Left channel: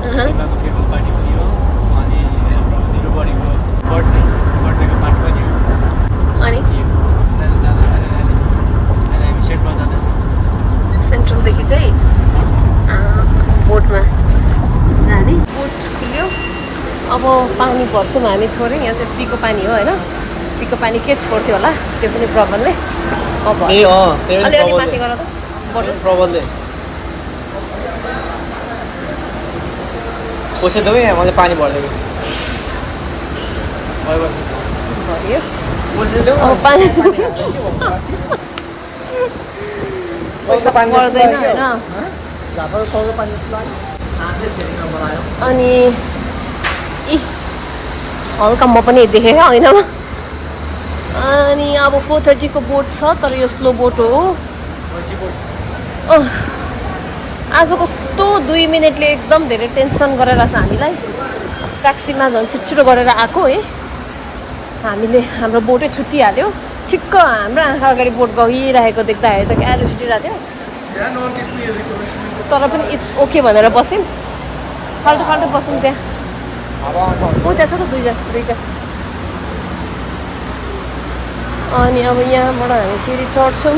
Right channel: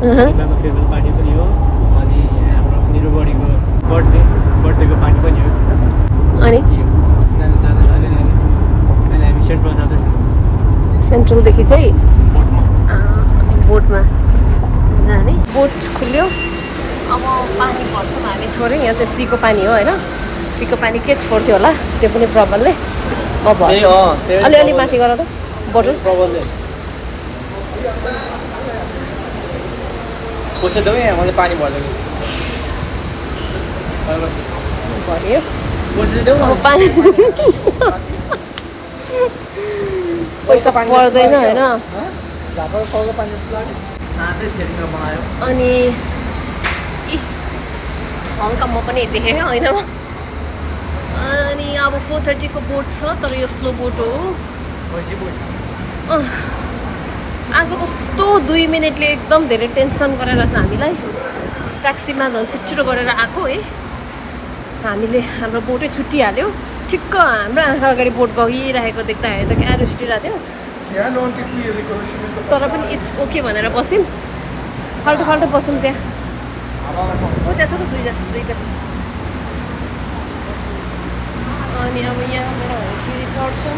सिङ्गाको farewell party पनि हो अनि हाम्रो निरुबडीको बर्थडेको पार्टी पनि हो अनि के हो अहिले हामी सेन्टरमा जाँदैछौँ सेन्ट्रलदेखि चाहिँ बोटमा जाने बोट खुल्यो अब पानी भर्छौँ हामी थोरै यहाँ चाहिँ पिको पानी हो होइन पिको पानी के छोड्थ्यो होला त्यो पनि प्रबलले अब भर्छ अलि माथि गर त बोटल प्रबलले पैसा देऊ यहाँ मैले पानी भर्दैन भर्यो पैसा देऊ अब पानी पैसा पर्दैन होइन अनि हल्का म पनि देखेँ होइन अनि अब 4:30 को बोट छ तर यो स्लो बोट हो आज कस्तो 2 मिनटले एकदम धेरै टेन्सन गरेर छ हामीलाई ट्याक्सीमा झन् छिटो गरेर आएको है हामीले हाम्रो बोटै छुट्टिहाल्यो ठिक्क हाम्रो आँखा अगाडि बोट गइरहेको देख्दाखेरि त क्या छुटिरहेको थियो तर पनि इट्स ओके भनेर बस्यौँ फाल्टो बसौँ त्यहाँ उता छ त दुईटा अनि अब यहाँबाट हामी फेरि चढ्छौँ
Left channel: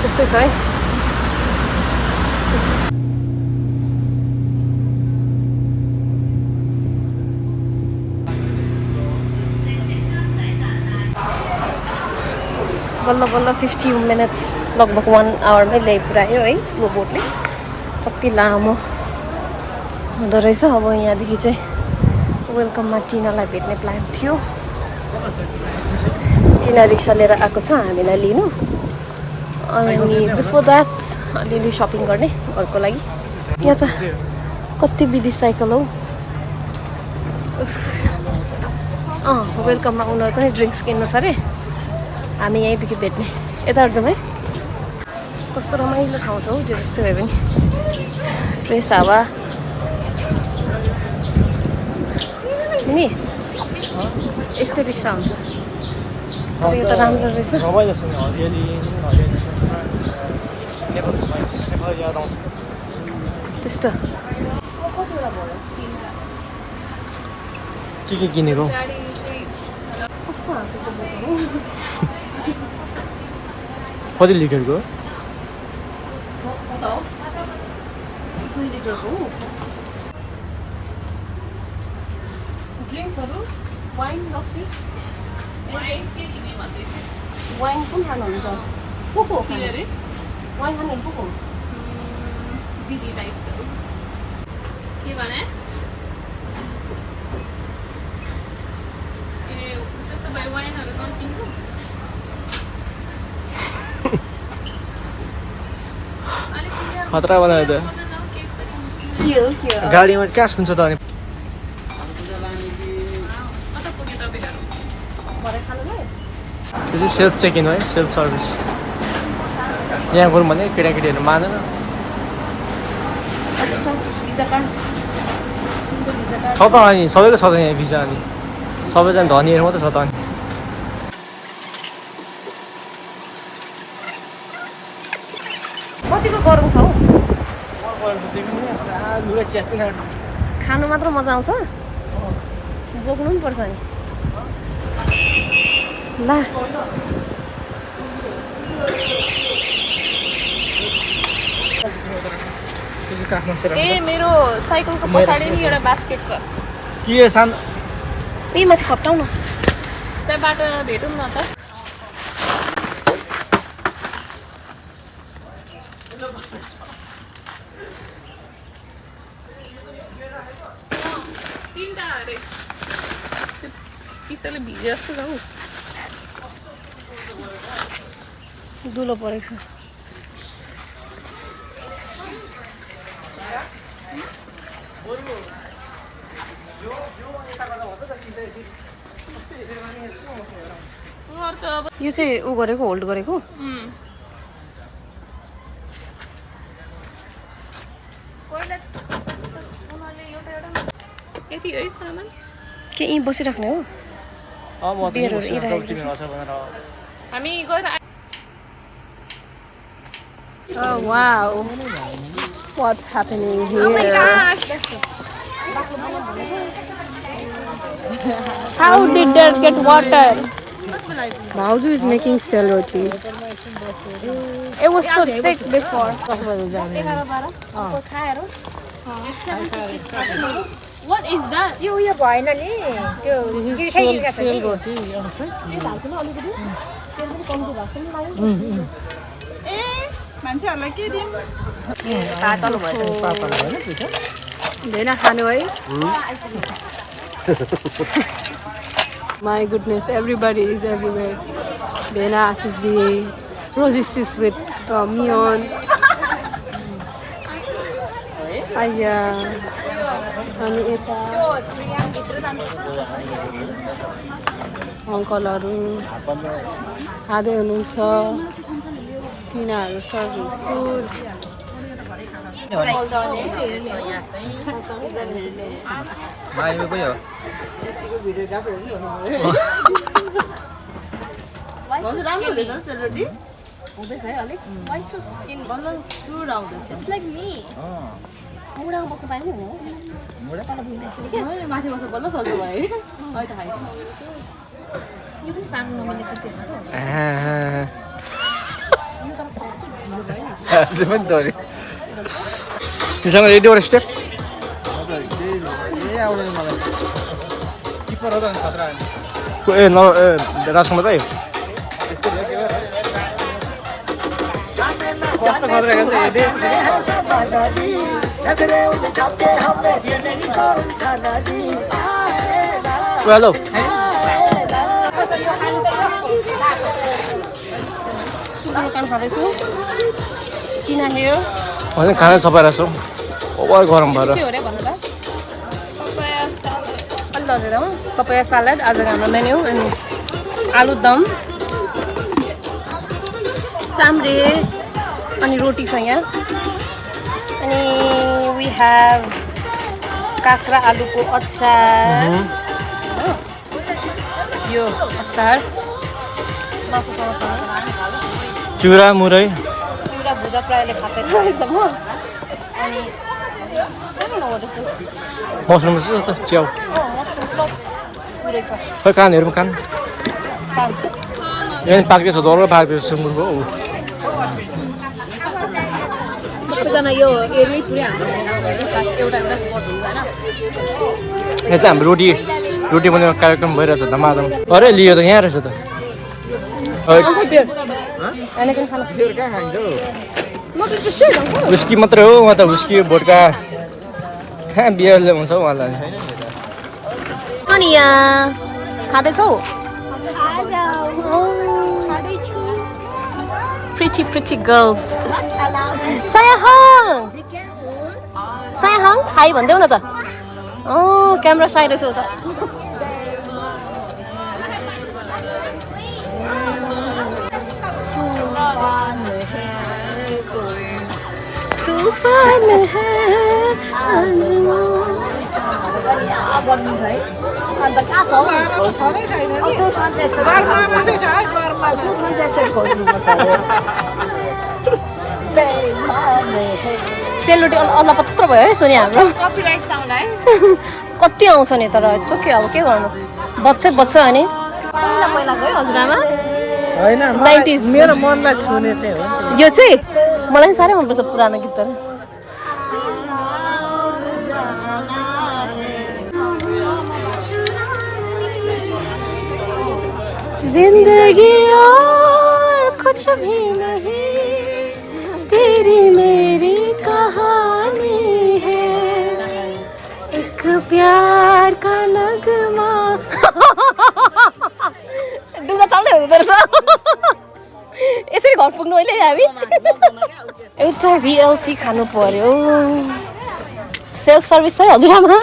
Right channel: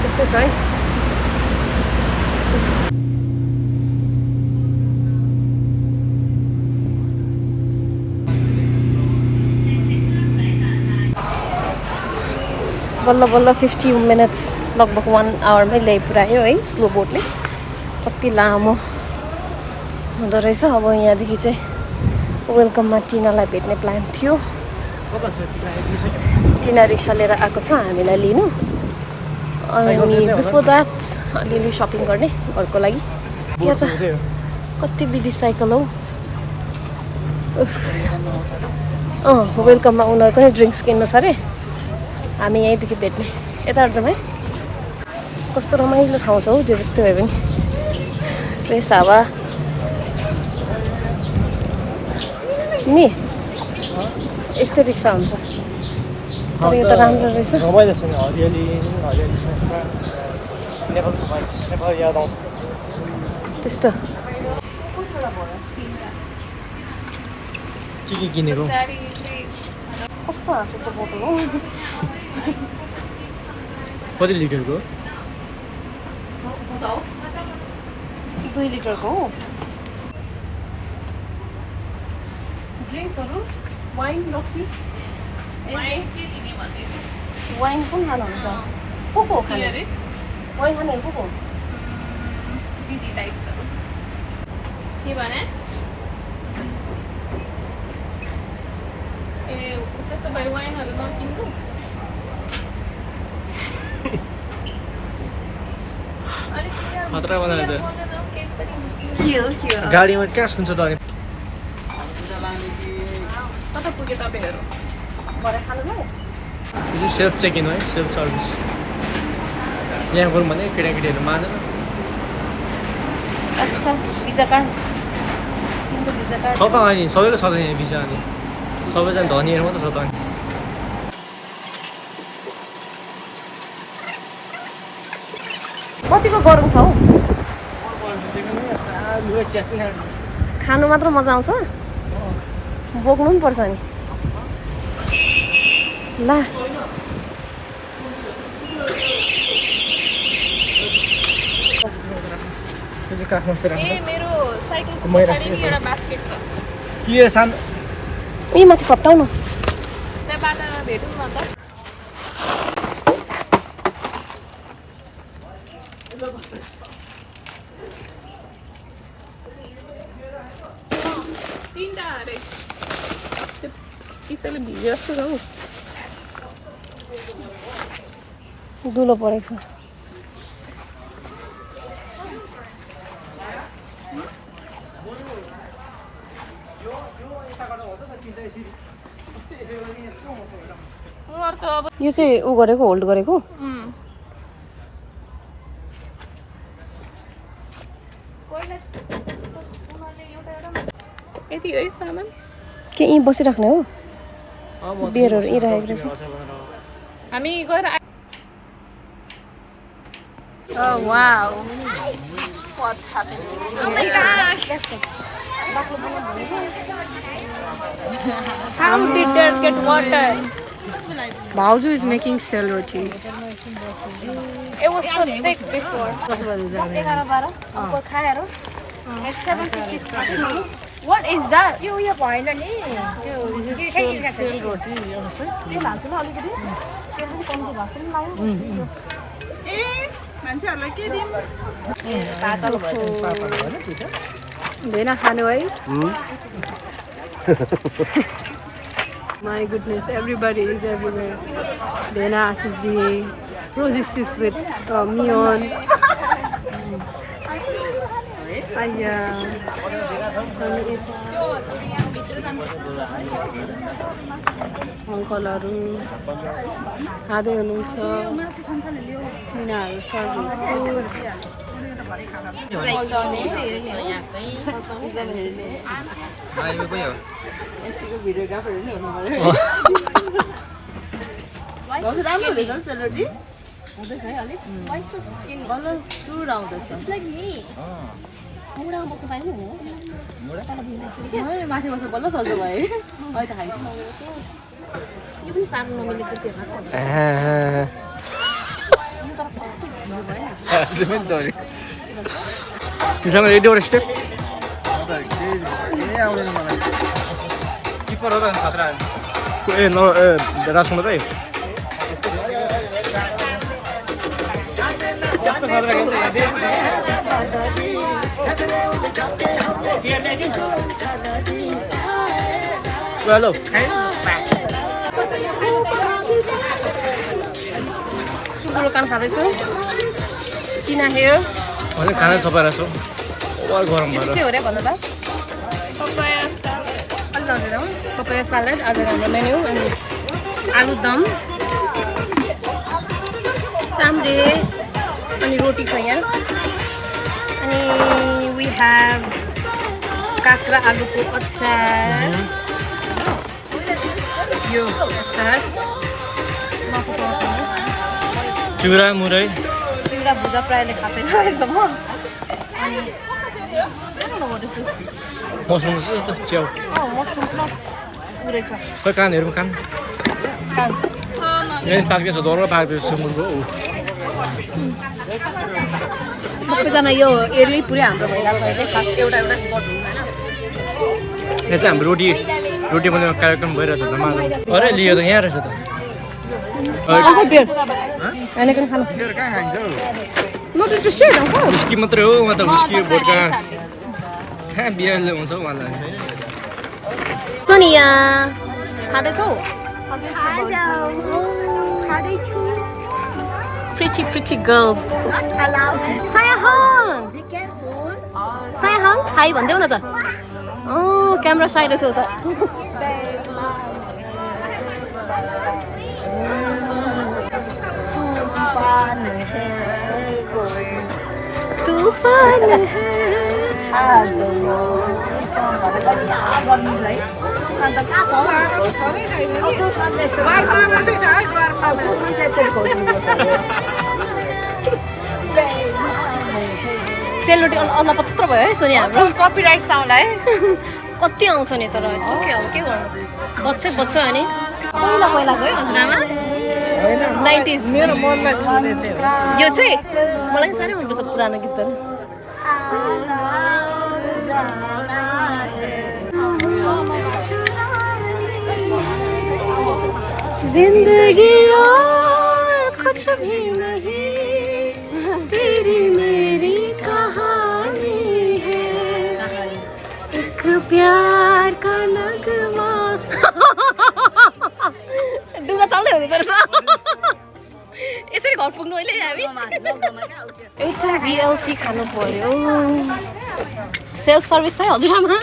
त्यस्तै छ है बल्ल 50 मिनट्स लगभग 1 आवरमै ल्याइ पुऱ्यायो है स्लो बोटले कति लामो हुँदो रहेछ अब यहाँदेखि चाहिँ वेलकममा टिनालाई भेट्ने प्लान थियो टिना रिक्सा लिएर आएको छ हामीलाई लिनु अनि बिफोर द्याट अलिअलि सपिङ गर्ने घरको लागि यहाँ त कति बिदी साइकल हौ वेलकममा उनीहरूको नै ड्रिङ्क्स किन्नु छ अरे हामी यहीँदेखि भेट्ने यताबाट जाउँ है कस्तो रमाइलो ठाउँ छ हौ जे जस्तै भए पनि फ्रेस हावा नि यस्तै रिक्सा हुन्छ तर यो त राम्रो रहेछ त्यस्तो के किनेको कस्तो हाँसुको बोटो हो कति लिटरको 2 लिटरको हो ड्रिङ्क्सहरू वाइन लस्सी वाइन पनि खानुहुन्छ को वाइन खानेहरू को बिदी टाइप्सहरू के भने त्यसो भए वाइनहरू नकिन्नु खतरा बनायो त के हो गाडीमा कहाँ सुन्छ त अनि कता पुगे तपाईँहरू भरे खानुलाई त्यो चाहिँ सेल्फ चेक इन है सेल्फ सर्भिस यहाँ गरौँ भने केटाकेटीहरू मानेन अच्छा भिजा कार्ड छ त अनि सबैको छ त यहाँ भिजा अनि सबैजना धनीहरू मात्रै छ त अनि कतिको गरम छ हौ च्याप्पै खानु मात्र मजा आउँछ बोक्नु पनि पर्छ नि ला ए मेरो साइकलको पछाडि नि एउटा बास्केट छ के सानो उही माथि फटाउ न त्यहाँबाट भेटौँ न त तिनवटा अरे किसैले भिजे जस्तो छ हौ दुलो परेको छ यो चाहिँ ऊ गरेको होल्ड गरेको यति है सामान के यहीँ बसिराख्ने हो बियरहरू यहीँ राखेको रहेछ हामी गएर Oh wow. What's happening here? Oh my gosh! How did there get water? Bauju is making cell roti. It was so thick before. What is that? Sel roti Bena khanu hai? My goodness, everybody is everywhere. Bena, Ashish Di, Rosie is with Mion. Aya. हामी यता अङ्कलहरू खाँदै हुनुहुन्छ तिनीहरू serving food It's like me. मुडामा बस्नु पाइनु नि तल भुइँ बस्नु के माथि बस्नु बल्ल सजिलो भयो अहिले त खाइ यो पनि सानो नमिलेको चाहिँ तिमीसँग रेडीवटा स्टेप किपर हो त खतरा ए न राजकुमार दाइ कस्तो खतरा गर्छ हेलो सुँगुरको कान खाँदैछु किन हेयर अनि खाना छपाएर छौ ओभर गरम भएर के हो रे भन्नु त Papaya salad. अलि लाउँदैन पपाया सालाड आज हाम्रो मेन्यू अनि आलुदम चाम्रे अनि रोटी छ यहाँ अनि वी हेभ काँक्रा आलुको अचार यो अचार मासुसँग खाने चिउरा मुरै चिउरा भुजा प्रायःले खाएको छैन अहिलेसम्म अनि मसरुम जस्तो त च्याउ मसरुम प्लस पुरै छ खै कानहरू कान कान यहाँ पाक्दैछ डर पाक्दैछ सुँगुरको सबैजना यो एरियै पुरै हाम्रो भइरहेको छ अहिले खास एउटा एउटा स्पट हुन्छ होइन यहाँ चाहिँ हाम्रो रोटी बनाउने कार्यक्रम भइरहेछ धमाधम अरे लियो त यहाँ रहेछ त विस्की मात्रै हो उहाँ त विस्की भोड्का कहाँ बियरले हुन्छ हौ उहाँलाई सोनिया खाँदैछौ pretty girls सायाहाङ हाई भन्देऊ न त क्यामेरा साइ रहेछ त तूफान है सेलरोटी अलपत्र भयो है सोनिया हाम्रो Copyright sound है कति आउँछ नि तर सक्यो अब के गर्नु बच्छ अनि पहिला गयो हजुरआमा 90s मेरो मनलाई छुने चाहिँ हो यो चाहिँ मलाई साह्रै मनपर्छ पुरानो गीतहरू जिंदगी और कुछ भी नहीं तेरी मेरी कहानी है एक प्यार का नगमा डुङ्गा चल्दै हुँदो रहेछ यसरी घर पुग्नु अहिले हामी एउटा भिएलसी खानु पर्यो सेल्फ सर्भिस है हजुरआमा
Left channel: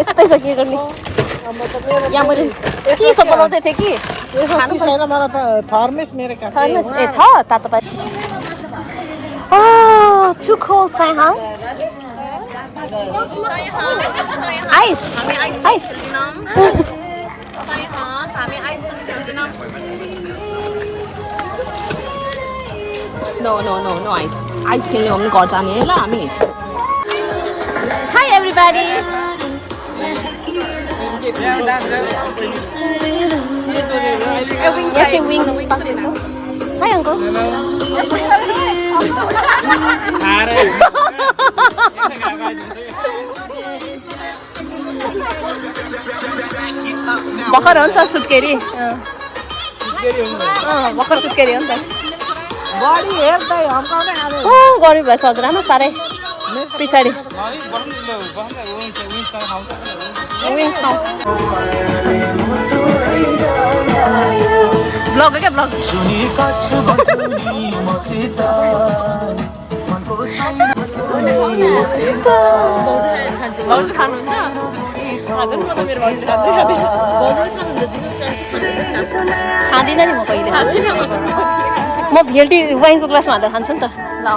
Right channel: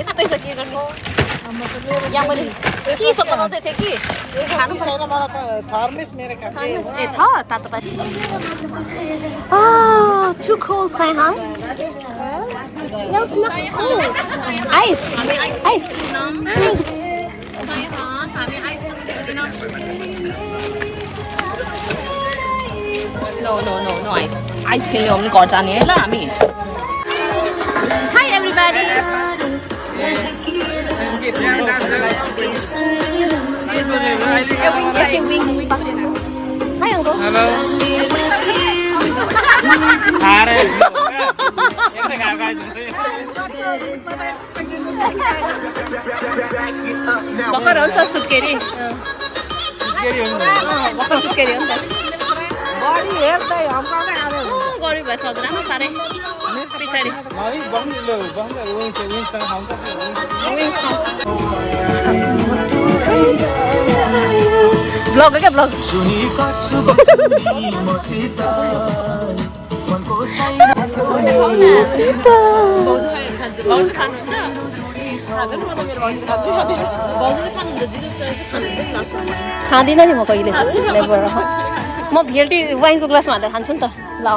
यस्तै छ के गर्ने यहाँ मैले चिसो बनाउँदै थिएँ कि खानु थर्मस ए छ तातो पानी टु कोल्ड साइहाङ आइस No ice. Ice खेल्ने हो भने घर जाने है ल हामी. Hi everybody. यहाँ चाहिँ विङ्स पाक्दैछ. Hi uncle. Hello. भर्खर हो नि त सुत्केरी. भर्खर सुत्केरी हो नि त. गरिब भएछ हजुरआमा साह्रै पछाडि विङ्स खाउँ. ब्लग हो क्या ब्लग. खाँदिनँ नि म कहिले. म भिएलटी वाइनको ग्लासमा हालेर खान्छु नि त. ल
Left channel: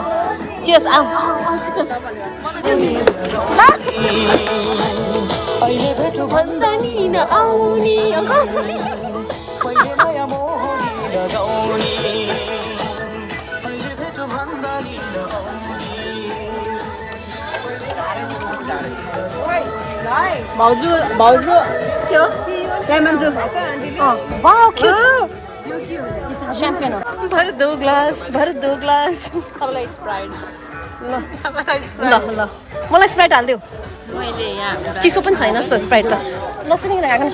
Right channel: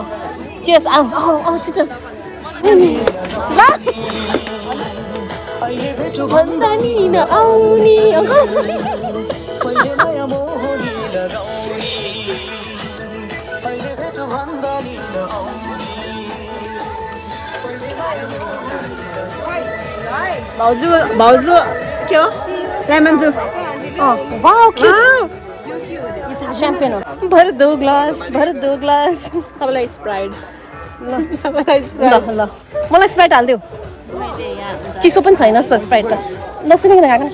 चियर्स. आऊ छिटो ल. भन्दा नि नआउने अङ्कल. भाउजू के हो lemon juice wow cute champion हो. भर दो ग्लास तपाईँलाई स्प्राइट ल ल मलाई स्प्राइट हालिदेऊ. चिसो पनि छैन स्प्राइट त. नसुने खाएको नि.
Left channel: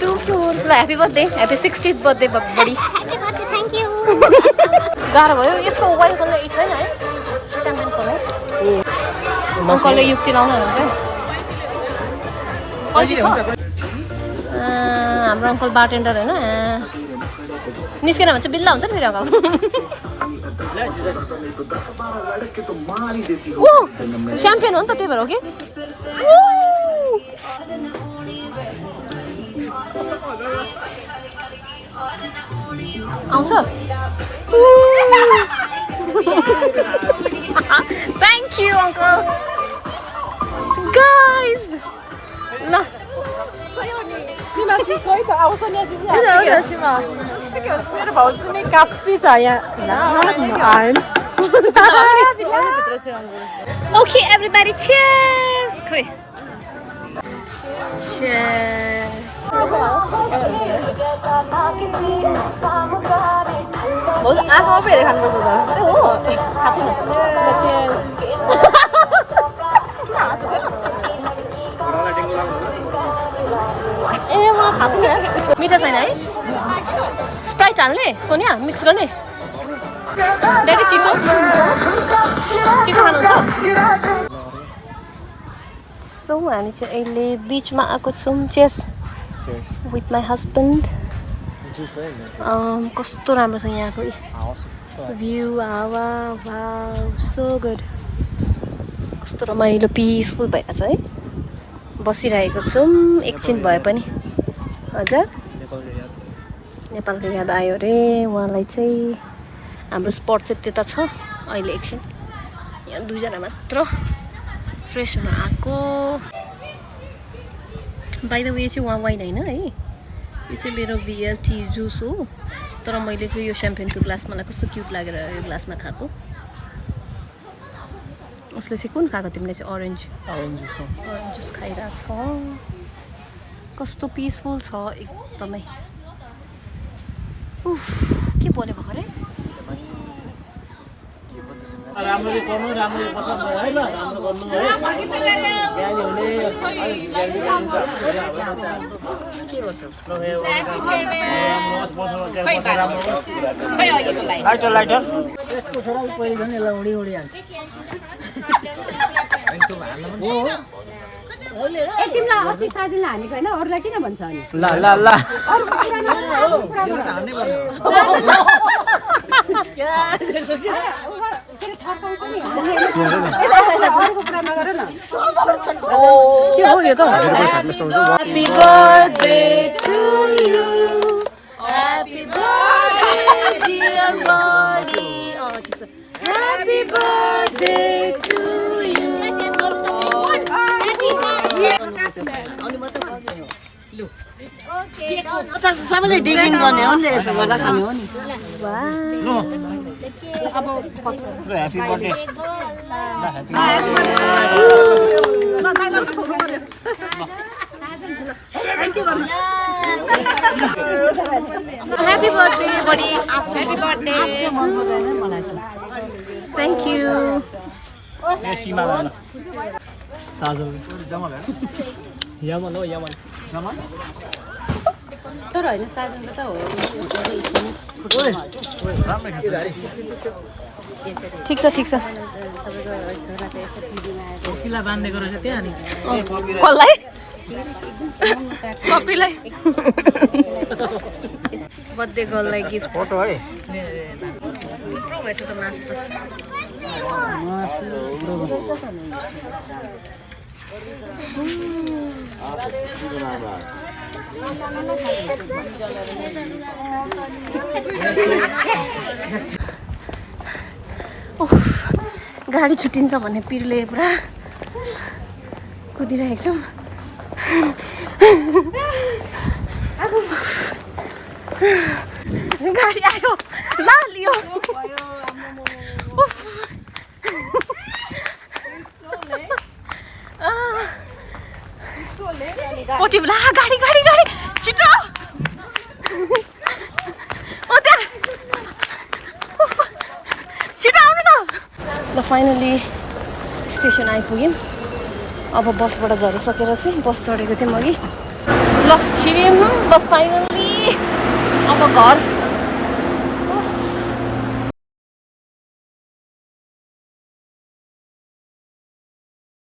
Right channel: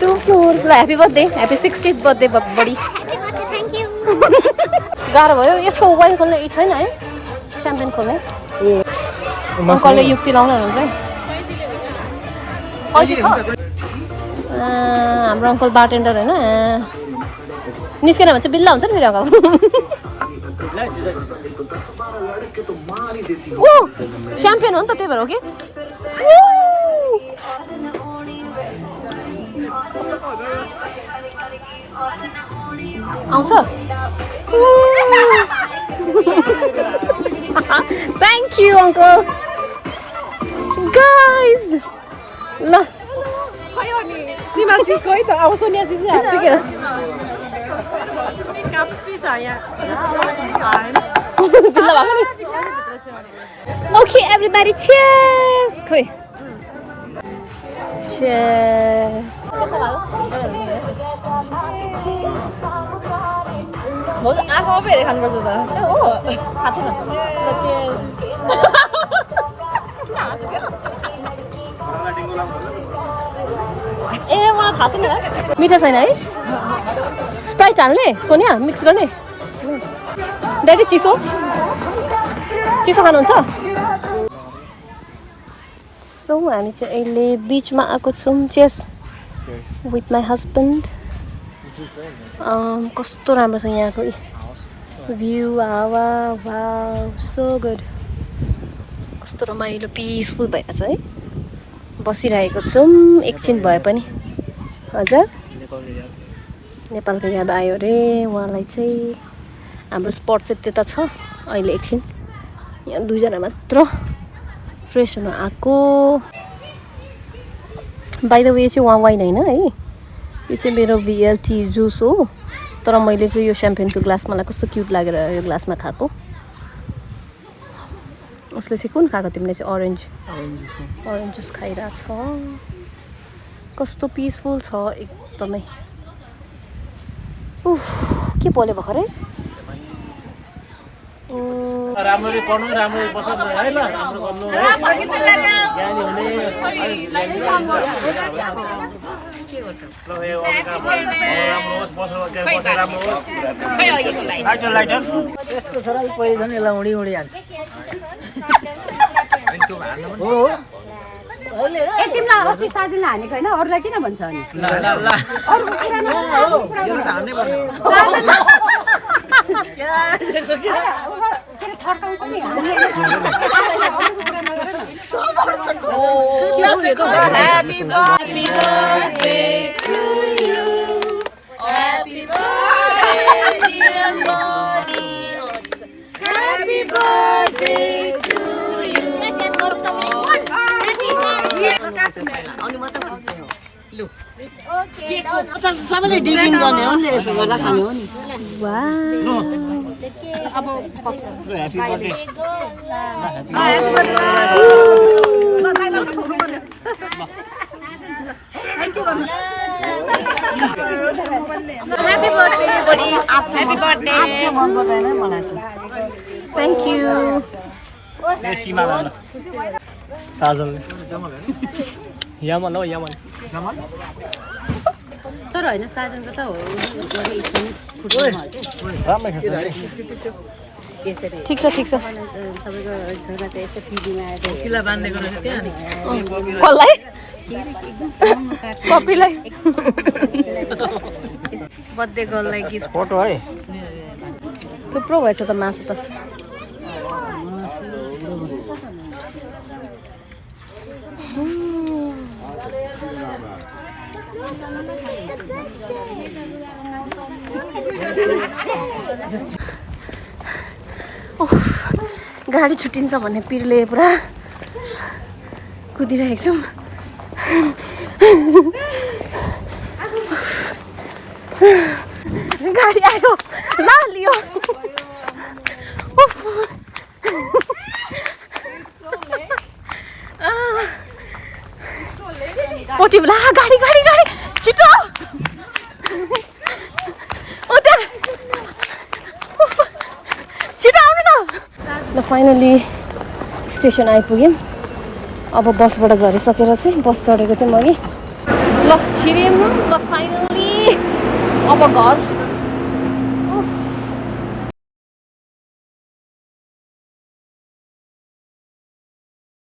टु फ्लोर. ल happy birthday. Happy 60th birthday buddy. Thank you. गाह्रो भयो यसको वाइन खोल्ने यही छैन है. च्याम्पियन खोल्ने. अङ्कलले युक्ति लाउँदै हुनुहुन्छ है. हाम्रो अङ्कल बारटेन्डर होइन. निस्केन भने चाहिँ बिल्ला हुन्छ नि फेरि अङ्कल. ओ च्याम्पियन हो नि त त्यही भएर हो कि. आउँछ. Thank you, uncle. Guys. ल. Okay, everybody, cheers. खोइ. Cheers. कस्तो लाग्यो? भाउजू आँखामा पो हेरेर खानुपर्छ त. ए हो खाँदैन. ल cheers. ए मलाई थाहा थिएन. मिठो छैन है. स्प्राइट हाल्ने सोनिया मिक्स गर्ने. दाजु चिसो खानुहुन्छ. सो हामी चाहिँ अहिले बिचमा आएको छौँ. Chess with my husband. कस्तो राम्रो छ यहाँको भ्यू. हावा वाउ सो गुड. कस्तो रमाइलो पिसफुल भइरहेछ है. बसिरहेको छौँ एकछिन भए पनि. हजुर नेपालको याद आयो अरे उहाँलाई चाहिँ. हाम्रो स्पट चाहिँ त्यता छ. अहिले एकछिन यहाँ 2 जना मात्र फ्रेस हुन आएको. बाइ द वे चाहिँ उहाँ वाइन होइन है. यो चाहिँ मेरो भिएलटी जुस हो. तर मैले चाहिँ यो च्याम्पियनको ग्लास मलाई कस्तो क्युट लागेर यो ग्लासमा खाएको. उसले चाहिँ कुन खाएको तिमीले चाहिँ अरेन्ज जुस खाइरहेको छ. कस्तो पिसफुल छ एकदमै. उफ के बोले भर्खरै. राम्ररी पढ्नु राम्ररी बस्नु हैन. के गर्छ लाइटर यस्तो छोरा कोही झन् यसलाई उडी हाल्छ. तिमीलाई अस्ति साथीले हानेको होइन अरूलाई किन भन्छ अनि. ल यो त हान्नै पर्ने हो. थर्काउँछ नि Happy birthday to you. Happy birthday dear mommy. Happy birthday to you. Happy birthday. सबैले डिगिङ गर्ने हो नि यसो गर्दा खाने हो नि Happy birthday, buddy. Happy birthday. Thank you. ठिक छ कसलाई कपीलाई बर्थडे गर्ललाई गिफ्ट फोटो है थुप्रो भएछ त मासु त गाडी छुट्टिन्छ भन्ने पिरले पुरा कुदिरहेको छौँ गाडी आयो ला लियो फोर्टी ला गाडी गाडी गाडी छिटो छिटो आउनु ल फाइनली स्टेसन आइपुग्यौँ अब बसबाट झरिसकेर चाहिँ बस चढेको थिएँ म अघि ल छिर्यौँ ल फाइनली अब घर